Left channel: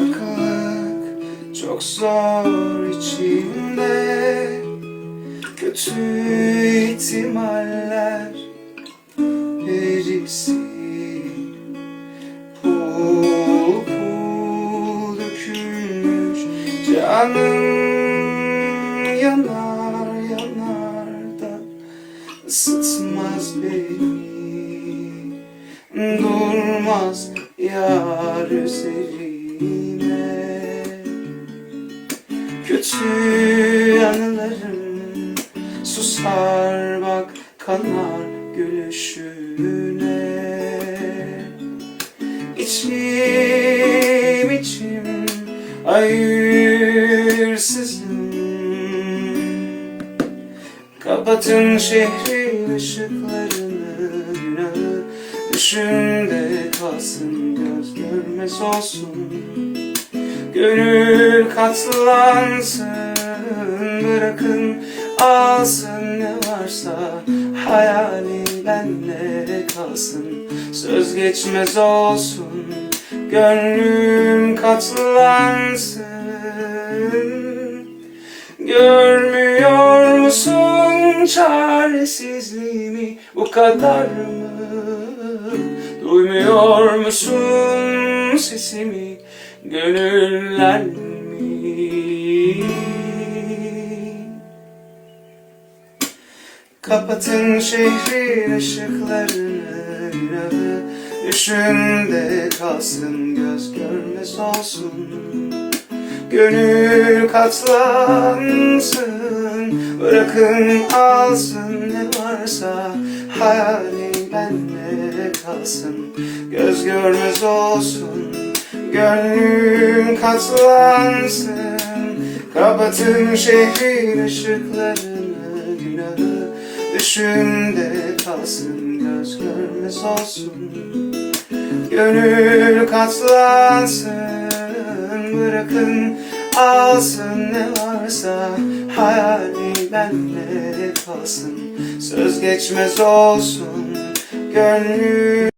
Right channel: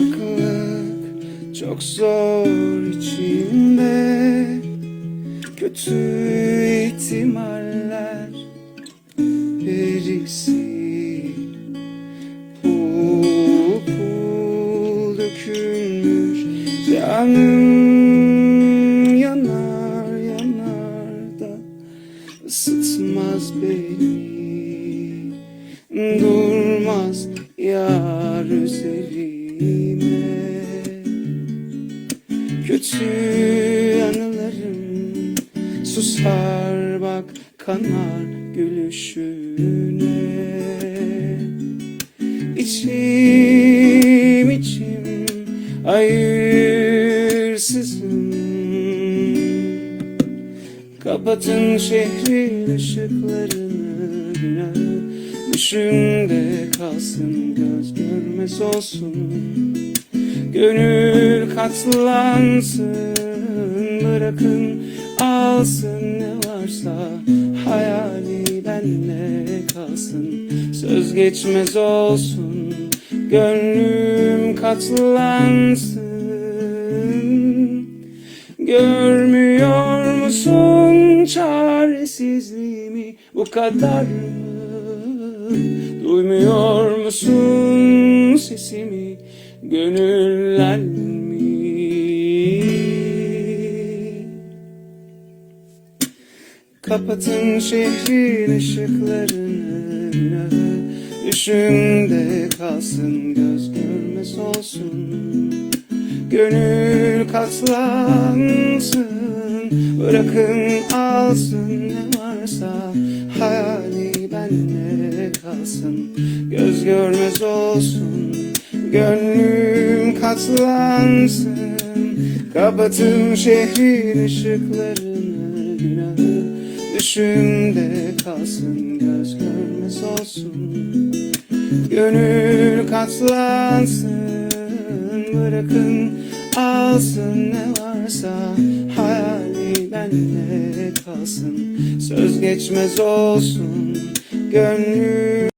farklılık çok zor içimde. Kötü ihtimaller biriksi pul pul dökülmüş. Canım yanar yanar da ısıtmaz beni. Durmaz yar üzerine. Kötü anılarım susar, bak kanar gülüşüne. İçim içim hayırsızım. Kapatın şehrin ışıklarını, günahı düşümde kalsın, göz görmez olsun. Gönül katlansın, bırakın alsın ne varsa, hayali benle kalsın, söz geçmez olsun. Gönlüm katlansın. Görmüyor musun çaresizliğimi, bu kadar mı? Duymuyor musun sesimi, gönüller mi? Kapatın şehrin ışıklarını, günahı düşümde kalsın, göz görmez olsun. Gönül katlansın, bırakın alsın ne varsa, hayali benle kalsın, göz görmez olsun. Gönlüm katlansın. Kapatın şehrin ışıklarını, günahı düşümde kalsın, göz görmez olsun. Gönül katlansın, bırakın alsın ne varsa, hayali benle kalsın, söz geçmez olsun. Gönlüm